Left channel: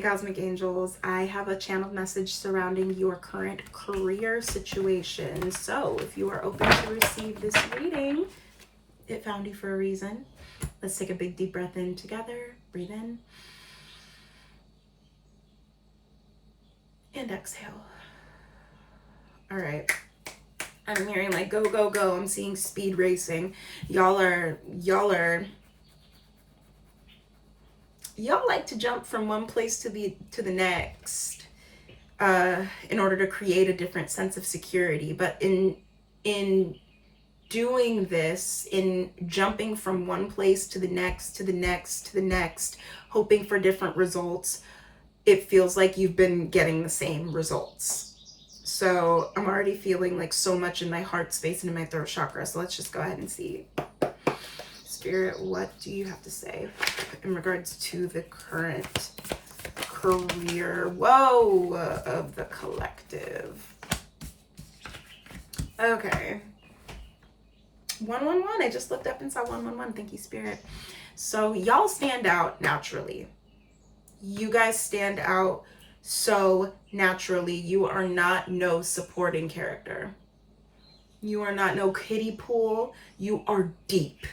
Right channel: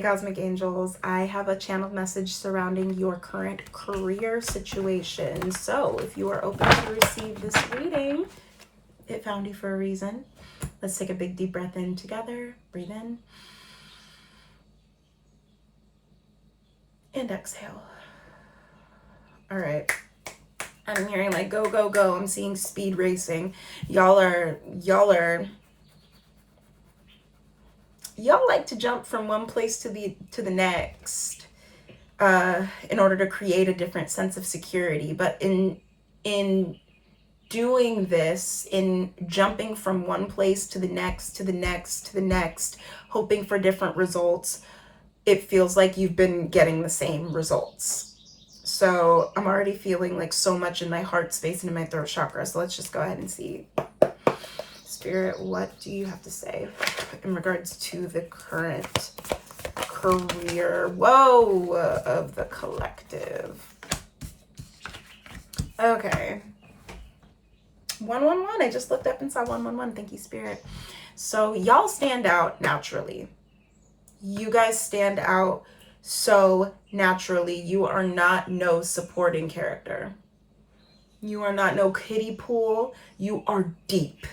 Cosmic Angels, I have a channeled message surrounding your current career situation. So if you are open to receive this reading, it found you for a reason. Let's take a big deep breath in together. Breathe in. And exhale. All right. I'm hearing like go, go, go. I'm seeing speed racing. Y'all like to jump from one place to the next in order to create a different sense of security. But in doing this, in jumping from one place to the next, to the next, to the next, hoping for different results, it feels like you've been getting the same results. So I'm already feeling like so much in my heart space and in my throat chakra. So let's just go ahead and see. Spirit, what do you have to say in regards to the current career, of the collective? Okay. 111. I just looked up and saw 111. Thank you, Spirit. So y'all stand out naturally. You guys stand out so naturally. You are not no supporting character. You are not no kiddie pool. You are deep.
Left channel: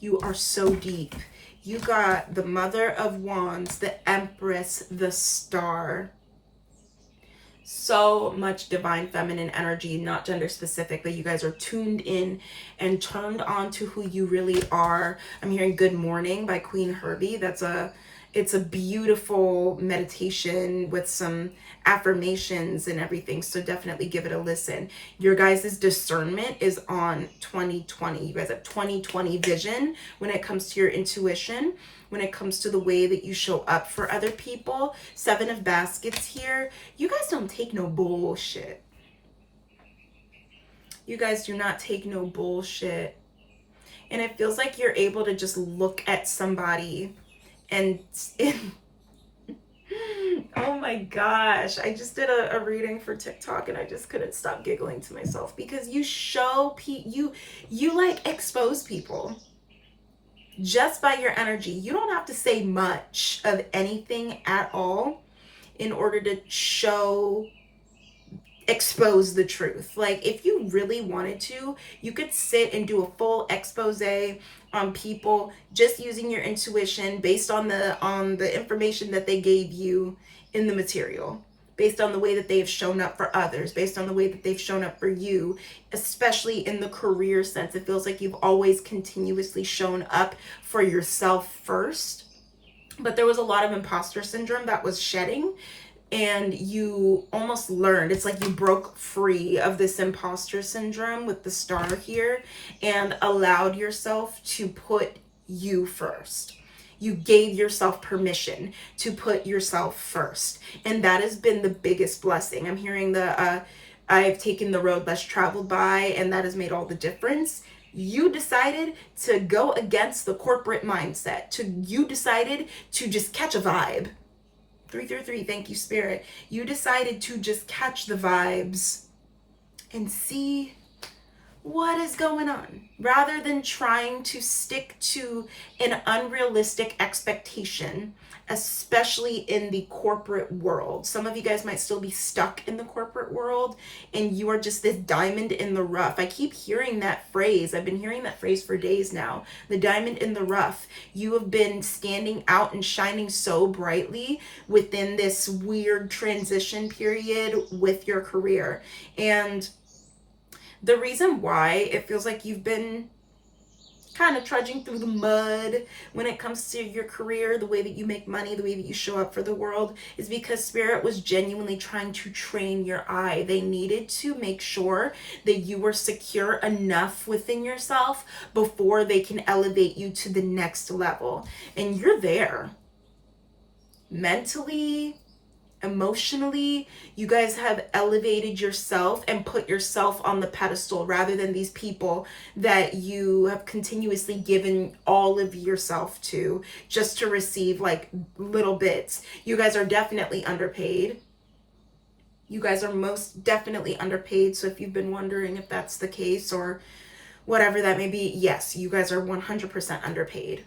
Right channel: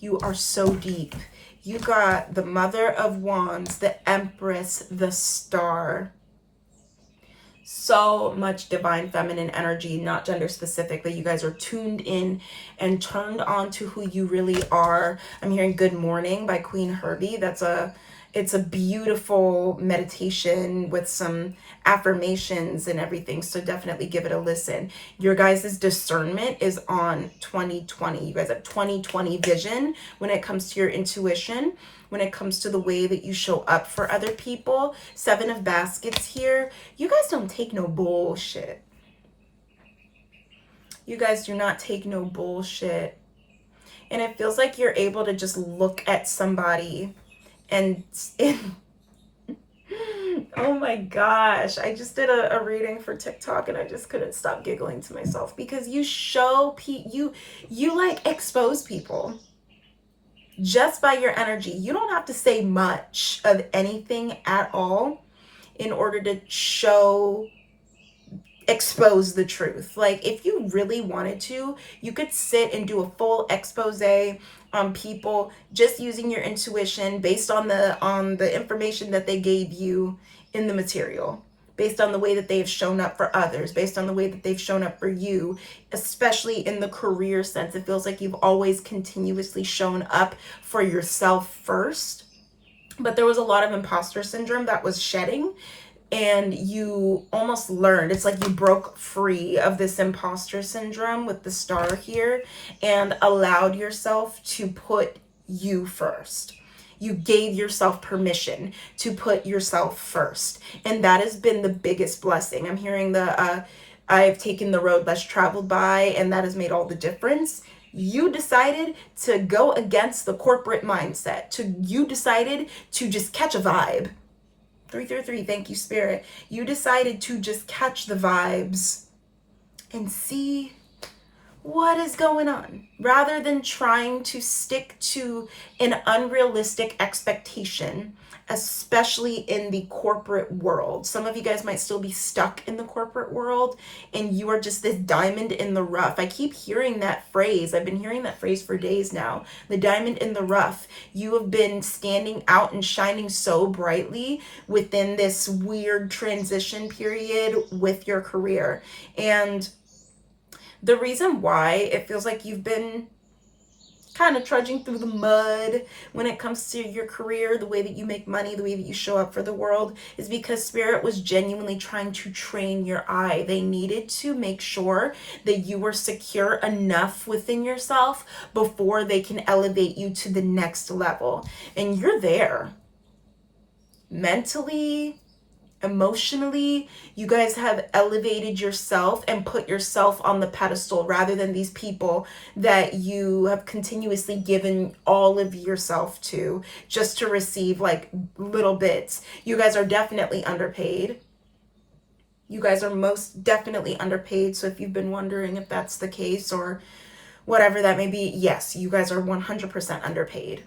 You are so deep. You got the Mother of Wands, the Empress, the Star. So much divine feminine energy, not gender specifically. You guys are tuned in and turned on to who you really are. I'm hearing Good Morning by Queen Herbie. It's a beautiful meditation with some affirmations and everything. So definitely give it a listen. Your guys' discernment is on 2020. You guys have 2020 vision when it comes to your intuition, when it comes to the way that you show up for other people. 7 of Baskets here. You guys don't take no bullshit. You guys do not take no bullshit. And it feels like you're able to just look at somebody and oh my gosh, I just did a reading for TikTok and I just couldn't stop giggling to myself because you show you like expose people just by your energy. You don't have to say much of anything at all in order to expose the truth. Like if you really wanted to, you could sit and do a full expose on people just using your intuition based on the information that they gave you in the material, based on the way that they've shown up for others, based on the way that they've shown up for you, especially in the career sense. It feels like you've always continuously shown up for yourself first, but there was a lot of imposter syndrome that was shedding, and you almost learned, it's like you broke free of this imposter syndrome with the Star here and allowed yourself to put you first. You gave yourself permission to put yourself first. And that has been the biggest blessing. I'm hearing I've taken the road less traveled by, and that has made all the difference. You decided to go against the corporate mindset. You decided to just catch a vibe. 333, thank you, Spirit. You decided to just catch the vibes and see what is going on, rather than trying to stick to an unrealistic expectation, especially in the corporate world. Some of you guys might still be stuck in the corporate world and you are just this diamond in the rough. I keep hearing that phrase. I've been hearing that phrase for days now. The diamond in the rough. You have been standing out and shining so brightly within this weird transition period with your career. And the reason why it feels like you've been kind of trudging through the mud when it comes to your career, the way that you make money, the way that you show up for the world, is because Spirit was genuinely trying to train your eye. They needed to make sure that you were secure enough within yourself before they can elevate you to the next level. And you're there. Mentally, emotionally, you guys have elevated yourself and put yourself on the pedestal rather than these people that you have continuously given all of yourself to just to receive like little bits. You guys are definitely underpaid. You guys are most definitely underpaid. So if you've been wondering if that's the case or whatever that may be, yes, you guys are 100% underpaid.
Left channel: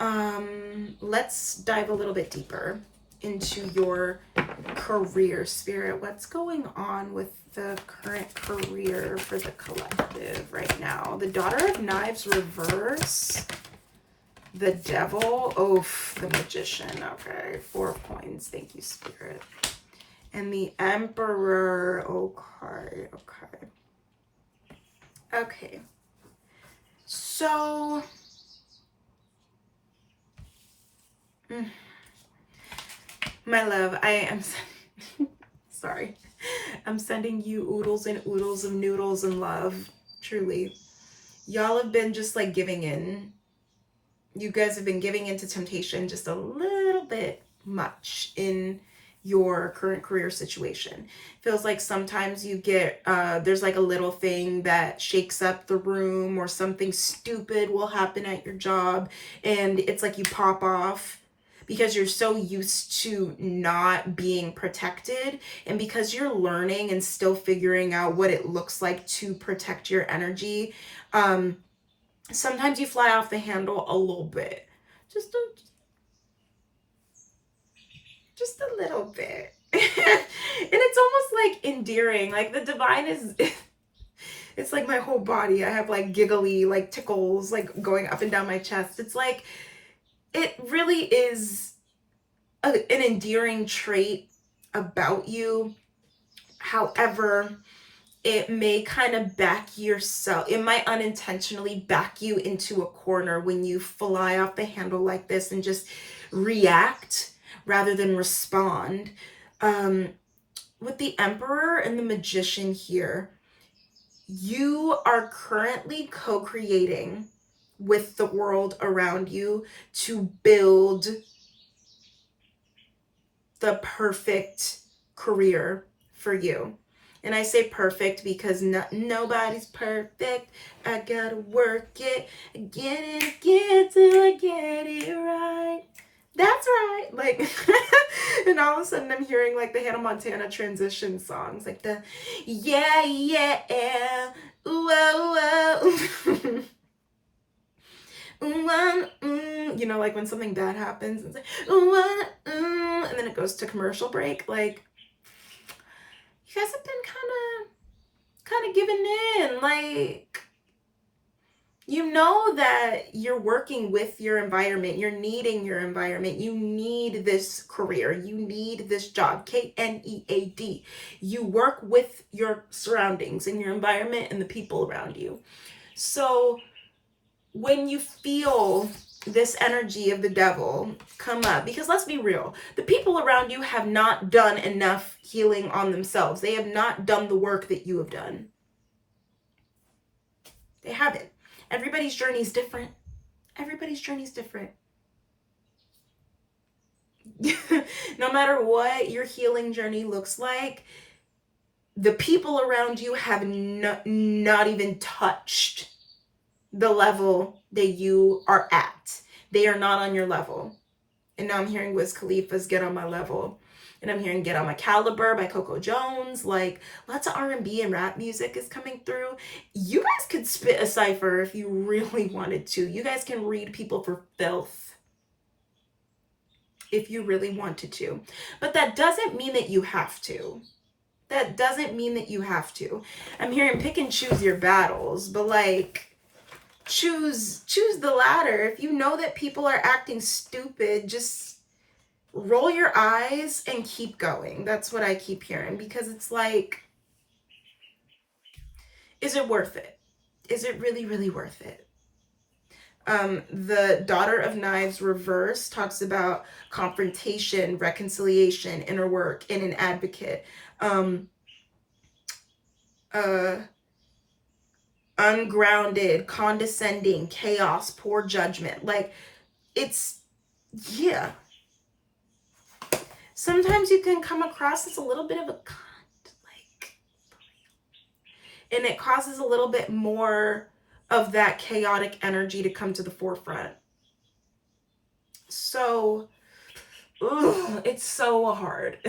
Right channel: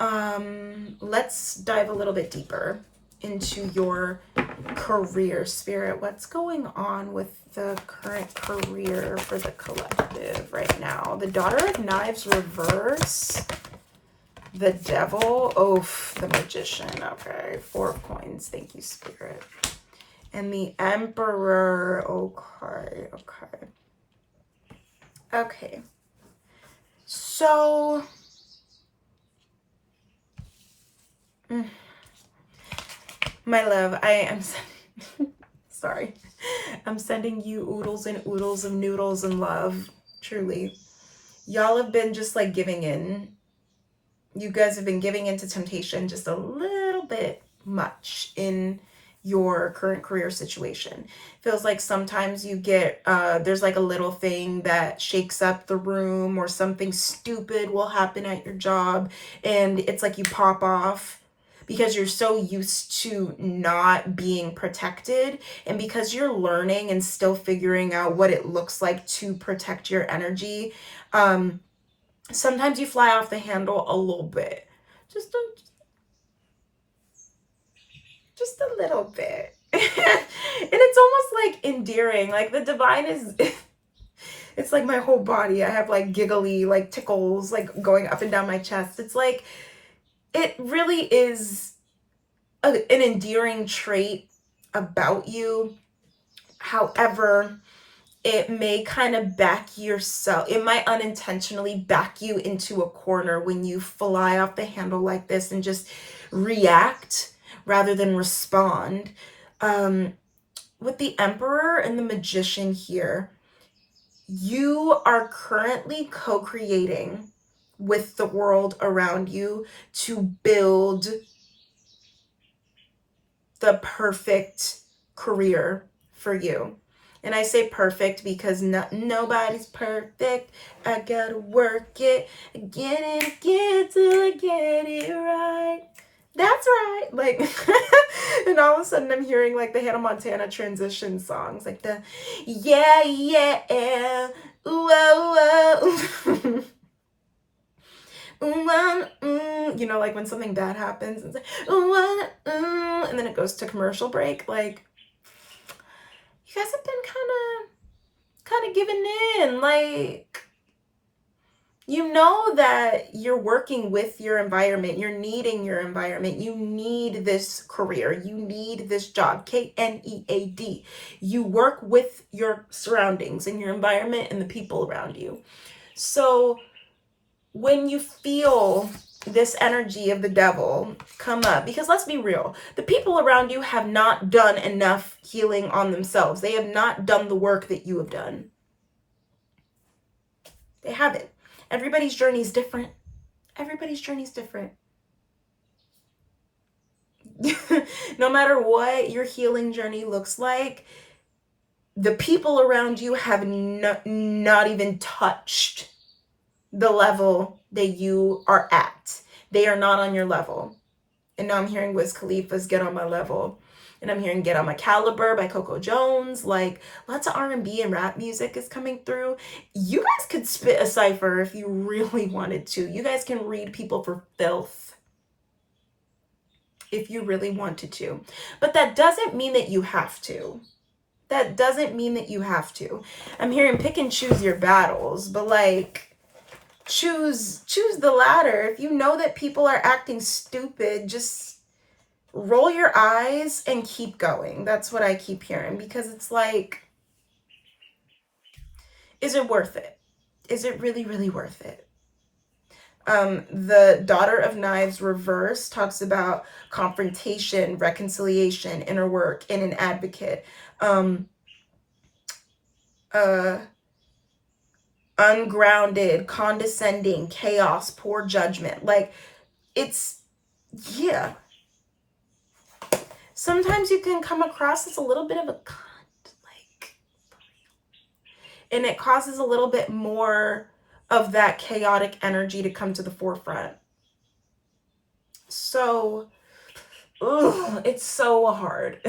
Let's dive a little bit deeper into your career, Spirit. What's going on with the current career for the collective right now? The Daughter of Knives reverse. The Devil. Oh, the Magician. Okay. 4 of Coins. Thank you, Spirit. And the Emperor. Okay. Okay. Okay. So... my love, I am... sorry. I'm sending you oodles and oodles of noodles and love. Truly. Y'all have been just like giving in. You guys have been giving into temptation just a little bit much in your current career situation. Feels like sometimes you get, there's like a little thing that shakes up the room, or something stupid will happen at your job, and it's like you pop off because you're so used to not being protected, and because you're learning and still figuring out what it looks like to protect your energy. Sometimes you fly off the handle a little bit. Just a little bit. And it's almost like endearing. Like the divine is, it's like my whole body. I have like giggly, like tickles, like going up and down my chest. It's like, it really is an endearing trait about you. However, it may kind of back yourself. It might unintentionally back you into a corner when you fly off the handle like this and just react rather than respond. With the Emperor and the Magician here, you are currently co-creating with the world around you to build the perfect career for you. And I say perfect because nobody's perfect. I gotta work it again and again till I get it right. That's right. Like, and all of a sudden I'm hearing like the Hannah Montana transition songs, like the yeah, yeah, whoa, whoa. You know, like when something bad happens, it's like, and then it goes to commercial break. Like, you guys have been kind of giving in. Like, you know that you're working with your environment. You're needing your environment. You need this career. You need this job. KNEAD. You work with your surroundings and your environment and the people around you. So when you feel this energy of the devil come up, because let's be real, the people around you have not done enough healing on themselves. They have not done the work that you have done. They haven't. Everybody's journey is different. Everybody's journey is different. No matter what your healing journey looks like, the people around you have not even touched the level that you are at. They are not on your level. And now I'm hearing Wiz Khalifa's Get on My Level. And I'm hearing Get on My Caliber by Coco Jones. Like, lots of R&B and rap music is coming through. You guys could spit a cipher if you really wanted to. You guys can read people for filth if you really wanted to. But that doesn't mean that you have to. That doesn't mean that you have to. I'm hearing pick and choose your battles, but like, choose the latter. If you know that people are acting stupid, just roll your eyes and keep going. That's what I keep hearing, because it's like, is it worth it? Is it really, really worth it? The Daughter of Knives reverse talks about confrontation, reconciliation, inner work, and an advocate. Ungrounded, condescending, chaos, poor judgment. Like, it's, yeah. Sometimes you can come across as a little bit of a cunt, like, and it causes a little bit more of that chaotic energy to come to the forefront. So, it's so hard.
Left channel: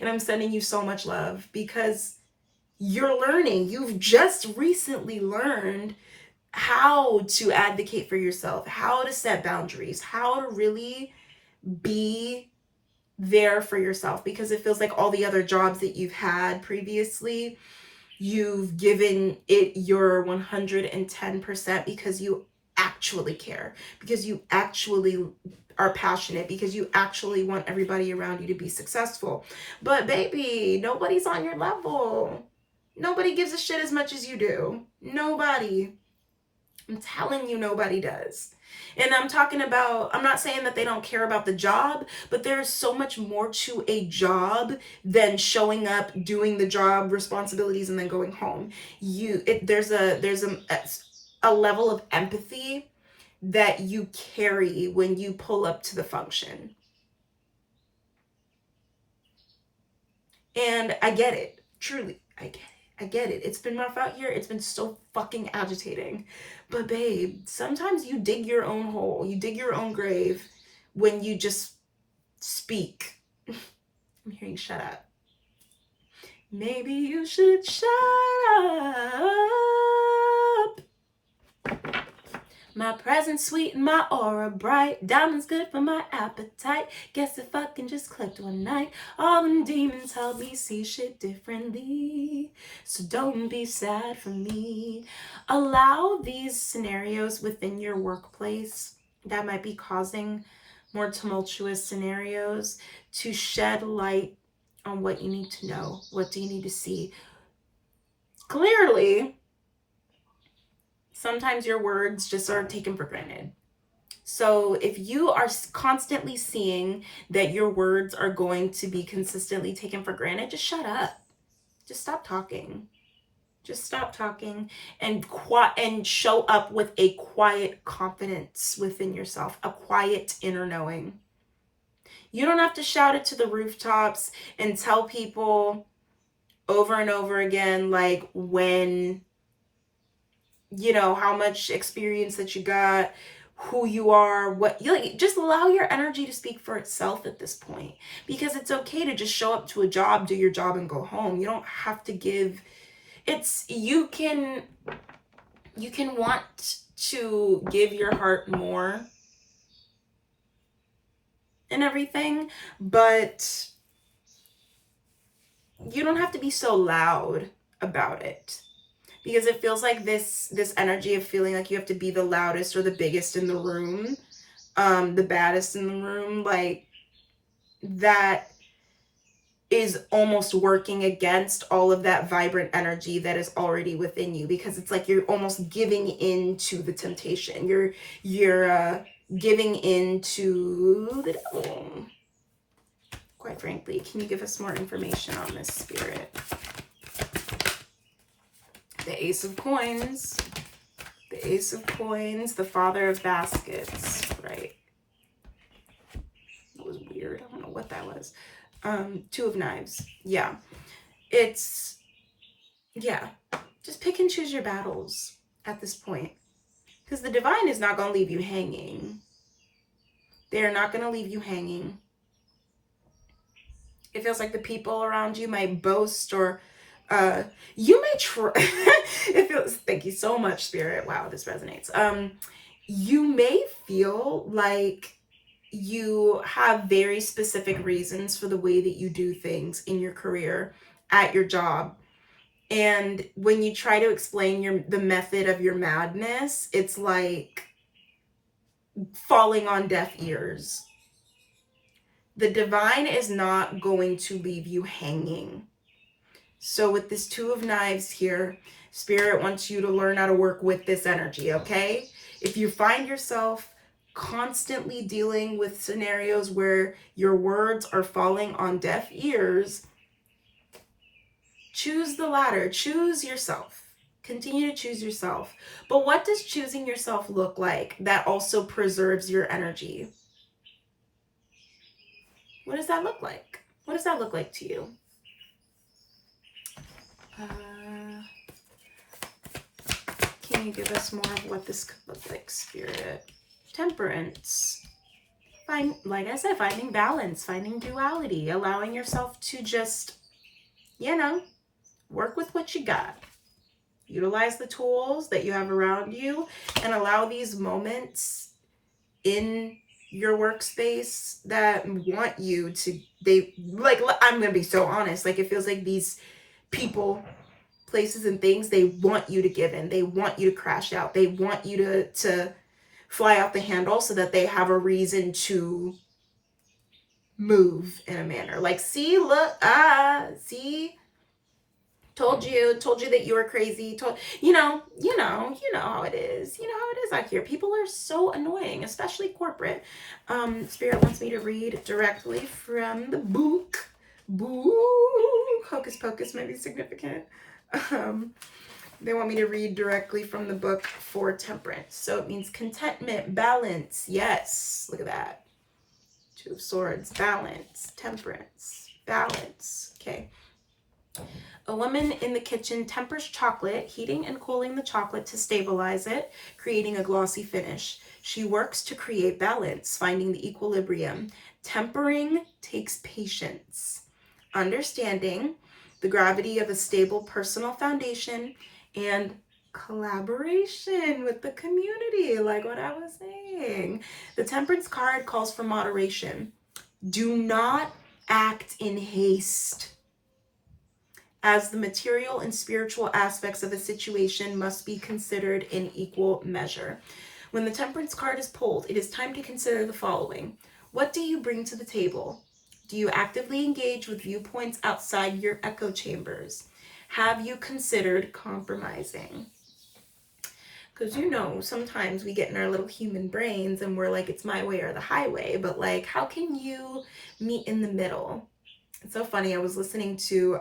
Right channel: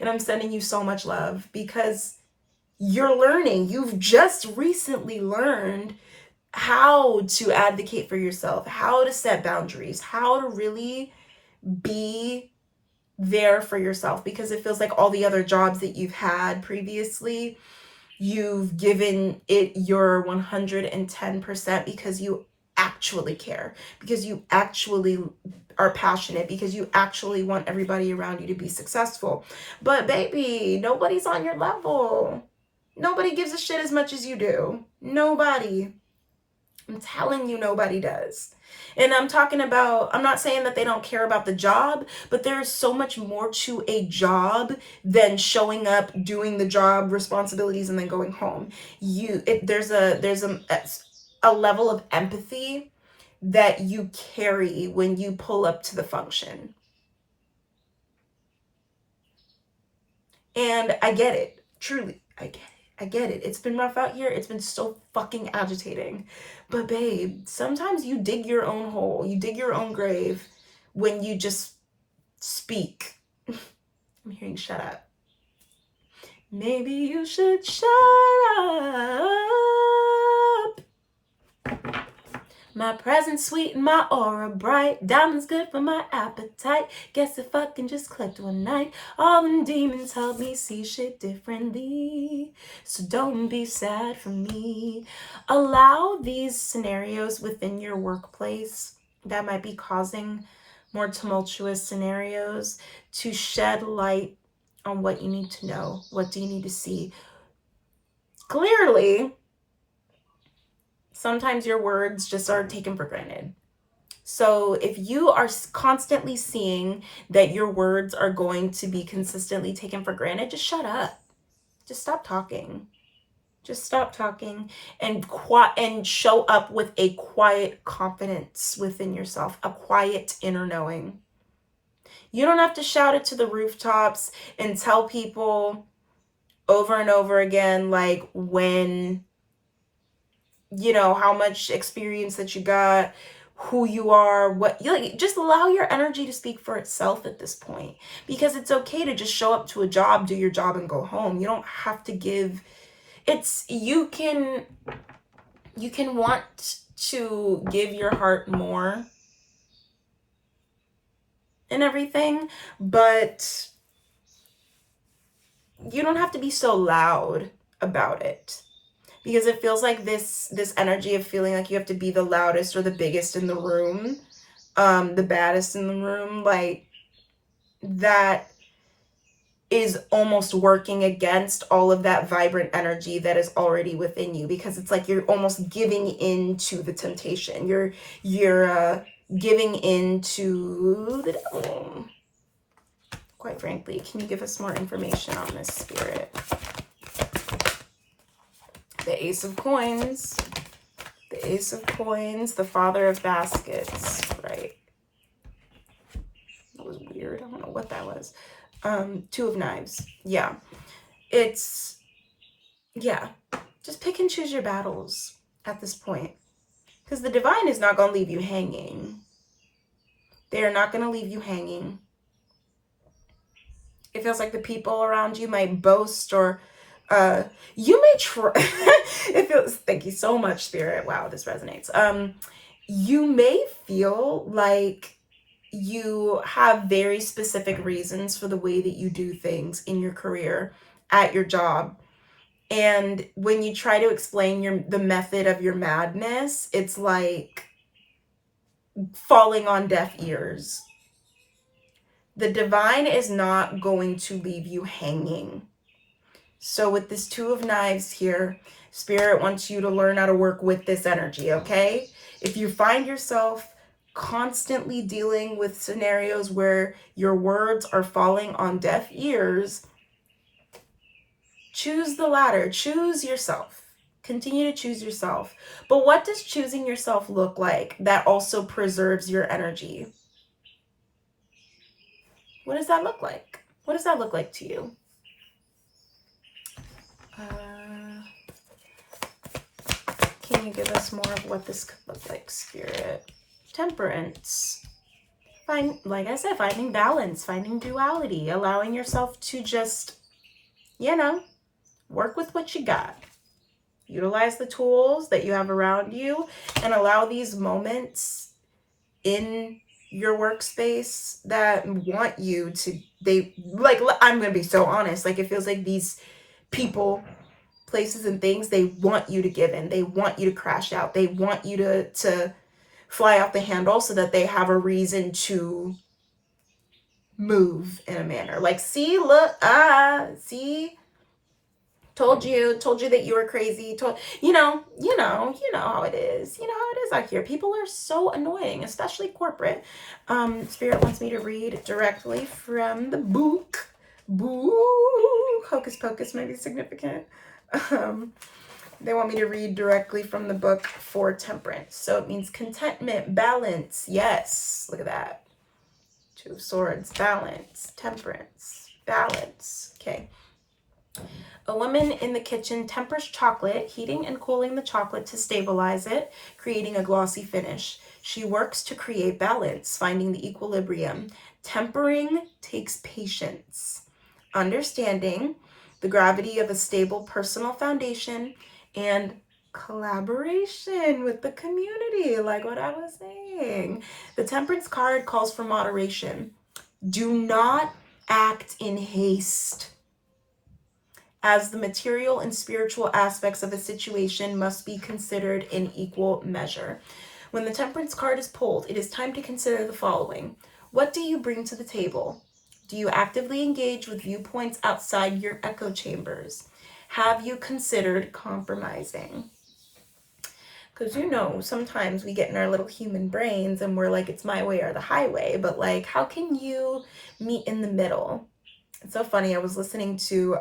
And I'm sending you so much love, because you're learning. You've just recently learned how to advocate for yourself, how to set boundaries, how to really be there for yourself, because it feels like all the other jobs that you've had previously, you've given it your 110% because you actually care, because you actually are passionate, because you actually want everybody around you to be successful. But baby, nobody's on your level. Nobody gives a shit as much as you do. Nobody. I'm telling you, nobody does. And I'm talking about, I'm not saying that they don't care about the job, but there's so much more to a job than showing up, doing the job responsibilities, and then going home. There's a level of empathy that you carry when you pull up to the function. And I get it. Truly, I get it. I get it. It's been rough out here. It's been so fucking agitating. But babe, sometimes you dig your own hole. You dig your own grave when you just speak. I'm hearing shut up. Maybe you should shut up. My presence sweet and my aura bright. Diamonds good for my appetite. Guess if I can just click one night. All them demons help me see shit differently. So don't be sad for me. Allow these scenarios within your workplace that might be causing more tumultuous scenarios to shed light on what you need to know. What do you need to see? Clearly, sometimes your words just are taken for granted. So if you are constantly seeing that your words are going to be consistently taken for granted, just shut up. Just stop talking. Just stop talking and show up with a quiet confidence within yourself, a quiet inner knowing. You don't have to shout it to the rooftops and tell people over and over again, like, when, you know, how much experience that you got, who you are, what you like. Just allow your energy to speak for itself at this point, because it's okay to just show up to a job, do your job, and go home. You don't have to give. You can want to give your heart more and everything, but you don't have to be so loud about it. Because it feels like this energy of feeling like you have to be the loudest or the biggest in the room, the baddest in the room, like, that is almost working against all of that vibrant energy that is already within you, because it's like you're almost giving into the temptation. You're giving into the devil. Quite frankly, can you give us more information on this, Spirit? The Ace of Coins. The Ace of Coins, the Father of Baskets, right? That was weird. I don't know what that was. Two of Knives. Yeah. Yeah. Just pick and choose your battles at this point. Because the divine is not going to leave you hanging. They are not going to leave you hanging. It feels like the people around you might boast, or you may try. It feels, thank you so much, Spirit. Wow, this resonates. You may feel like you have very specific reasons for the way that you do things in your career, at your job. And when you try to explain the method of your madness, it's like falling on deaf ears. The divine is not going to leave you hanging. So with this Two of Knives here, Spirit wants you to learn how to work with this energy, okay? If you find yourself constantly dealing with scenarios where your words are falling on deaf ears, choose the latter. Choose yourself. Continue to choose yourself. But what does choosing yourself look like that also preserves your energy? What does that look like? What does that look like to you? Can you give us more of what this could look like, Spirit? Temperance. Like I said, finding balance, finding duality, allowing yourself to just, work with what you got. Utilize the tools that you have around you and allow these moments in your workspace that want you to, they like, I'm gonna be so honest, like it feels like these people, places and things, they want you to give in, they want you to crash out, they want you to fly out the handle so that they have a reason to move in a manner like, see, look, see, told you that you were crazy, you know how it is, you know how it is out here. People are so annoying, especially corporate. Spirit wants me to read directly from the book. Boo, hocus pocus might be significant. They want me to read directly from the book for temperance, so it means contentment, balance. Yes, look at that. Two of Swords, balance, temperance, balance. Okay. A woman in the kitchen tempers chocolate, heating and cooling the chocolate to stabilize it, creating a glossy finish. She works to create balance, finding the equilibrium. Tempering takes patience, understanding the gravity of a stable personal foundation, and collaboration with the community, like what I was saying. The Temperance card calls for moderation. Do not act in haste, as the material and spiritual aspects of a situation must be considered in equal measure. When the Temperance card is pulled, it is time to consider the following. What do you bring to the table? Do you actively engage with viewpoints outside your echo chambers? Have you considered compromising? Because sometimes we get in our little human brains and we're like, it's my way or the highway, but like, how can you meet in the middle? It's so funny. I was listening to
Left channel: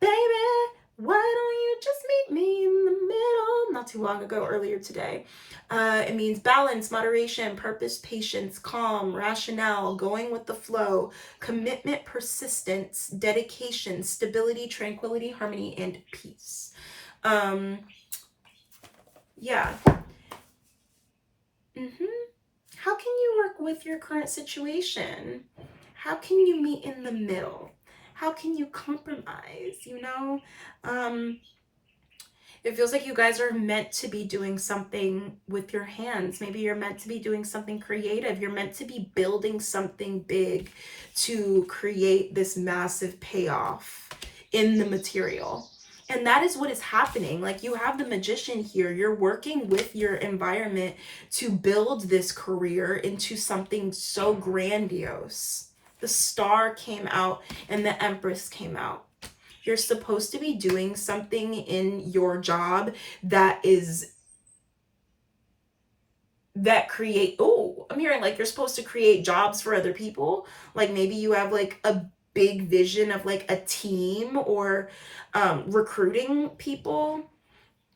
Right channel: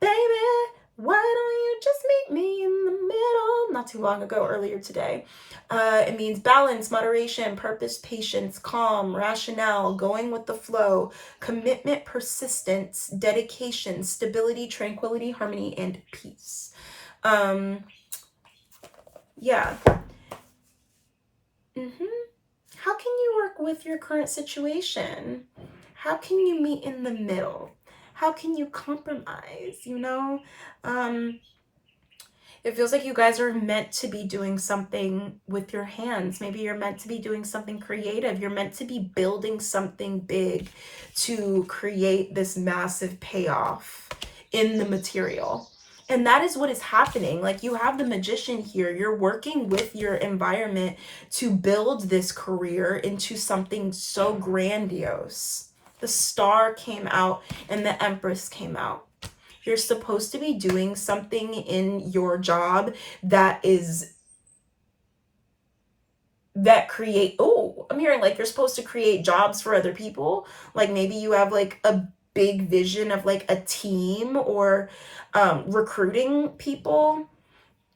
Baby, why don't you just meet me in the middle? Not too long ago, earlier today. It means balance, moderation, purpose, patience, calm, rationale, going with the flow, commitment, persistence, dedication, stability, tranquility, harmony, and peace. Yeah. How can you work with your current situation? How can you meet in the middle? How can you compromise? It feels like you guys are meant to be doing something with your hands. Maybe you're meant to be doing something creative. You're meant to be building something big to create this massive payoff in the material. And that is what is happening. Like, you have the Magician here. You're working with your environment to build this career into something so grandiose. The Star came out and the Empress came out. You're supposed to be doing something in your job that I'm hearing like you're supposed to create jobs for other people. Like, maybe you have like a big vision of like a team, or recruiting people,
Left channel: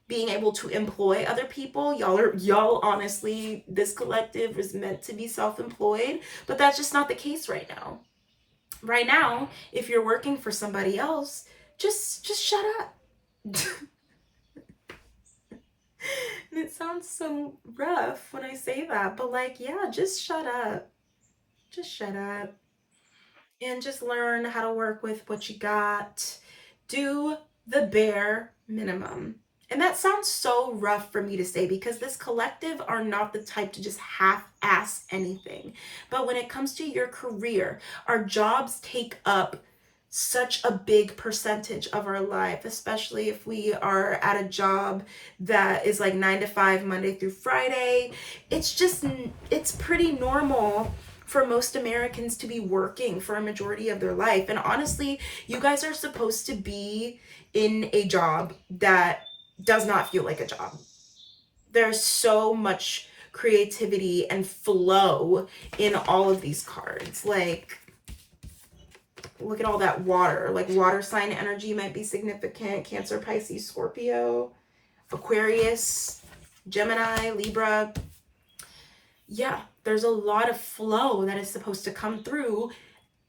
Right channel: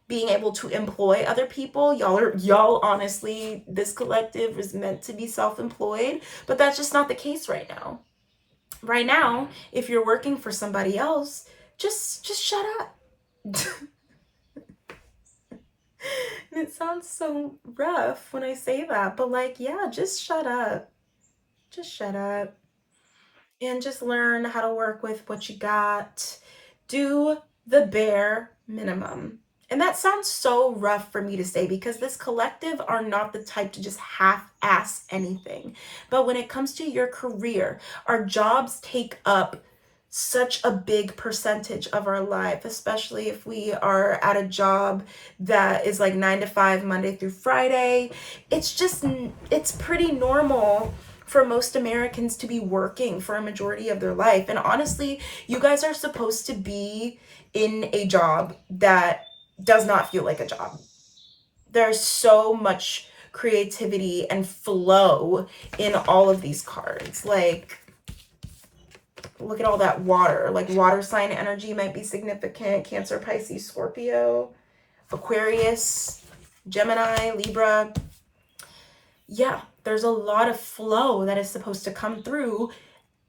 being able to employ other people. Y'all honestly, this collective is meant to be self-employed, but that's just not the case right now. Right now, if you're working for somebody else, just shut up. And it sounds so rough when I say that, but like, yeah, just shut up. Just shut up. And just learn how to work with what you got. Do the bare minimum. And that sounds so rough for me to say, because this collective are not the type to just half-ass anything. But when it comes to your career, our jobs take up such a big percentage of our life, especially if we are at a job that is like 9 to 5, Monday through Friday. It's pretty normal for most Americans to be working for a majority of their life. And honestly, you guys are supposed to be in a job that does not feel like a job. There's so much creativity and flow in all of these cards. Like, look at all that water. Like, water sign energy might be significant. Cancer, Pisces, Scorpio, Aquarius, Gemini, Libra. Yeah, there's a lot of flow that is supposed to come through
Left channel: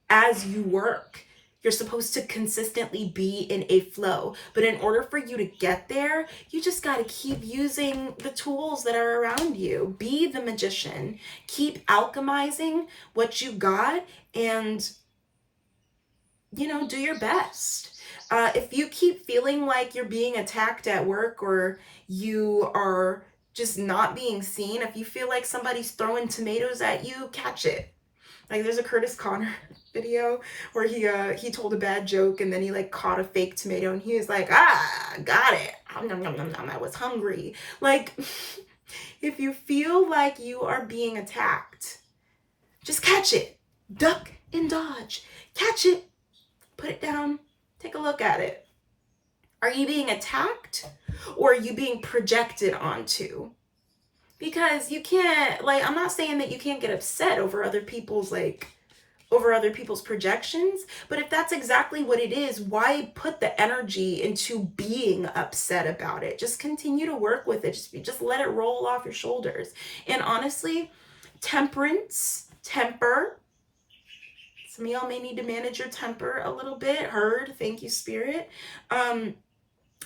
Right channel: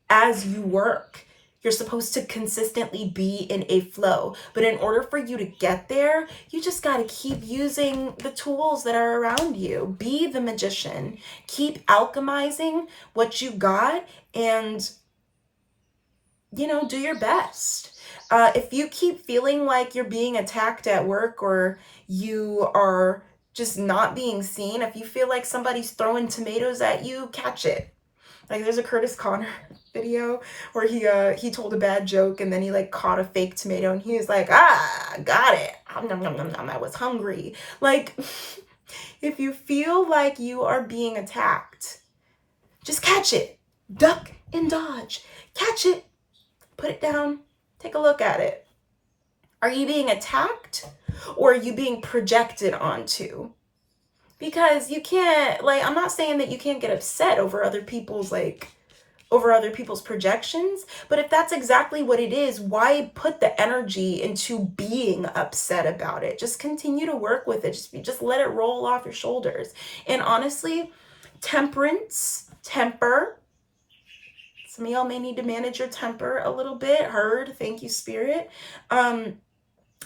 as you work. You're supposed to consistently be in a flow. But in order for you to get there, you just got to keep using the tools that are around you. Be the magician. Keep alchemizing what you got, and you know, do your best. If you keep feeling like you're being attacked at work, or you are just not being seen, if you feel like somebody's throwing tomatoes at you, catch it. Like, there's a Curtis Connor video where he told a bad joke, and then he like caught a fake tomato, and he was like, ah, got it. Nom, nom, nom, nom, I was hungry. Like, if you feel like you are being attacked, just catch it. Duck and dodge. Catch it. Put it down. Take a look at it. Are you being attacked, or are you being projected onto? Because you can't, like, I'm not saying that you can't get upset over other people's projections, but if that's exactly what it is, why put the energy into being upset about it? Just continue to work with it. Just let it roll off your shoulders. And honestly, temper, some of y'all may need to manage your temper a little bit. Heard. Thank you, Spirit.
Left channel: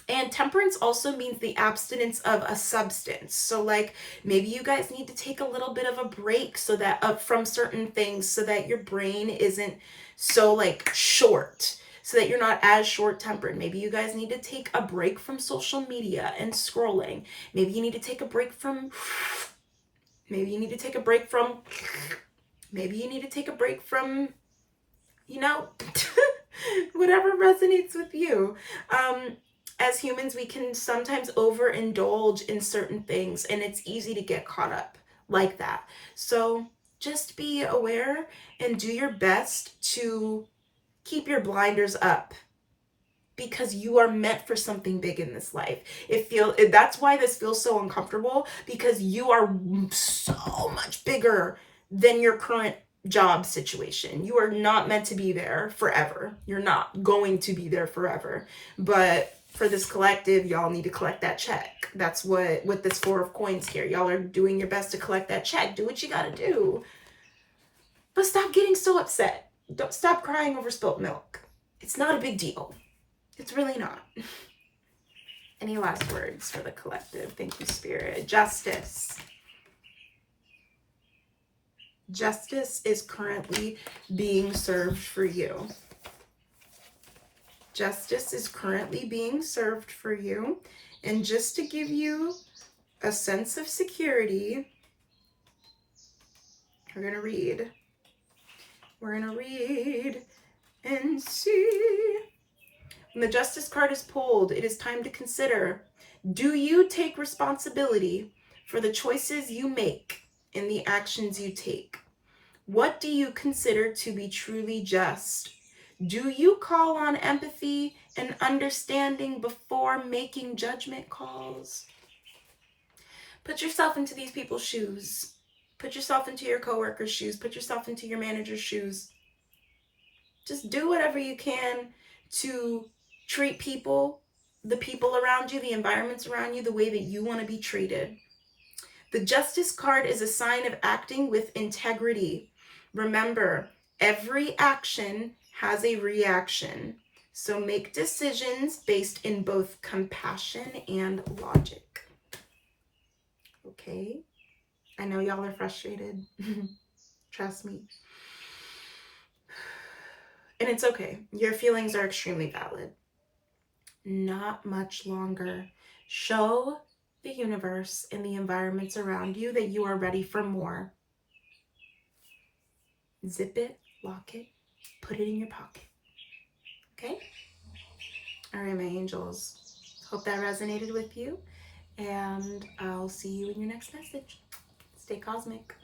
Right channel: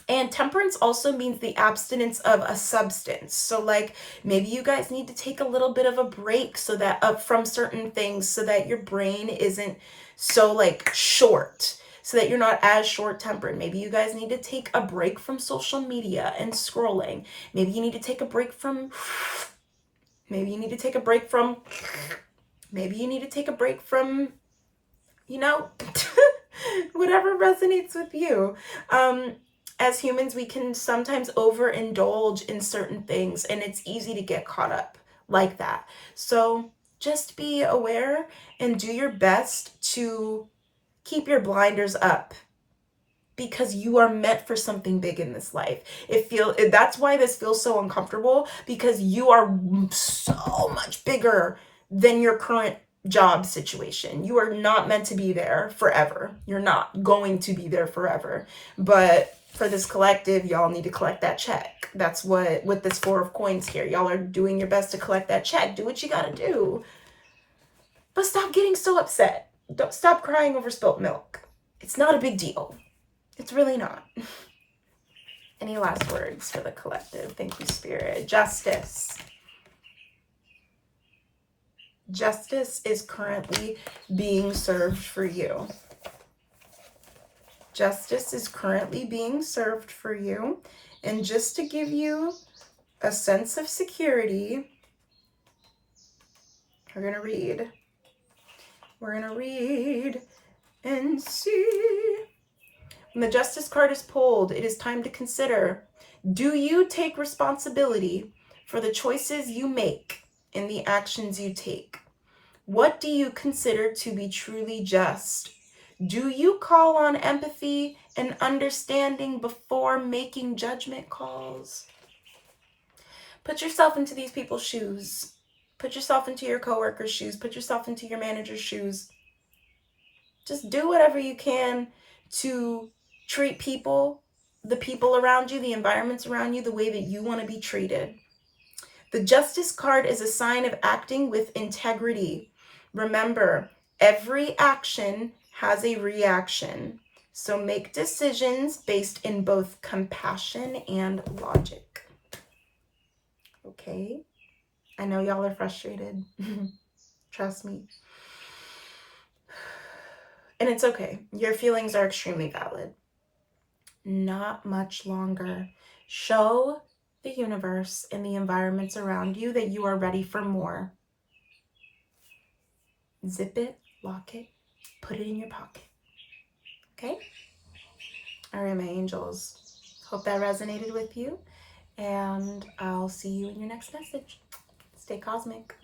And temperance also means the abstinence of a substance. So like, maybe you guys need to take a little bit of a break so that from certain things, so that your brain isn't so like short, so that you're not as short-tempered. Maybe you guys need to take a break from social media and scrolling. Maybe you need to take a break from maybe you need to take a break from you know, whatever resonates with you. As humans, we can sometimes overindulge in certain things, and it's easy to get caught up like that. So just be aware and do your best to keep your blinders up, because you are meant for something big in this life. That's why this feels so uncomfortable, because you are so much bigger than your current job situation. You are not meant to be there forever. You're not going to be there forever. But for this collective, y'all need to collect that check. That's what, with this 4 of coins here, y'all are doing your best to collect that check. Do what you gotta do. But stop getting so upset. Don't stop crying over spilt milk. It's not a big deal. It's really not. Any last words for the collective? Thank you, Spirit. Justice. Justice is currently being served for you. Justice is currently being served for you. And just to give you a sense of security, we're going to read. We're going to read and see. When the Justice card is pulled, it is time to consider, do you take responsibility for the choices you make and the actions you take? What do you consider to be truly just? Do you call on empathy and understanding before making judgment calls? Put yourself into these people's shoes. Put yourself into your coworker's shoes. Put yourself into your manager's shoes. Just do whatever you can to treat people, the people around you, the environments around you, the way that you want to be treated. The Justice card is a sign of acting with integrity. Remember, every action has a reaction. So make decisions based in both compassion and logic. Okay? I know y'all are frustrated. Trust me. And it's okay. Your feelings are extremely valid. Not much longer. Show the universe and the environments around you that you are ready for more. Zip it, lock it, put it in your pocket. Okay? All right, my angels. Hope that resonated with you. And I'll see you in your next message. Stay cosmic.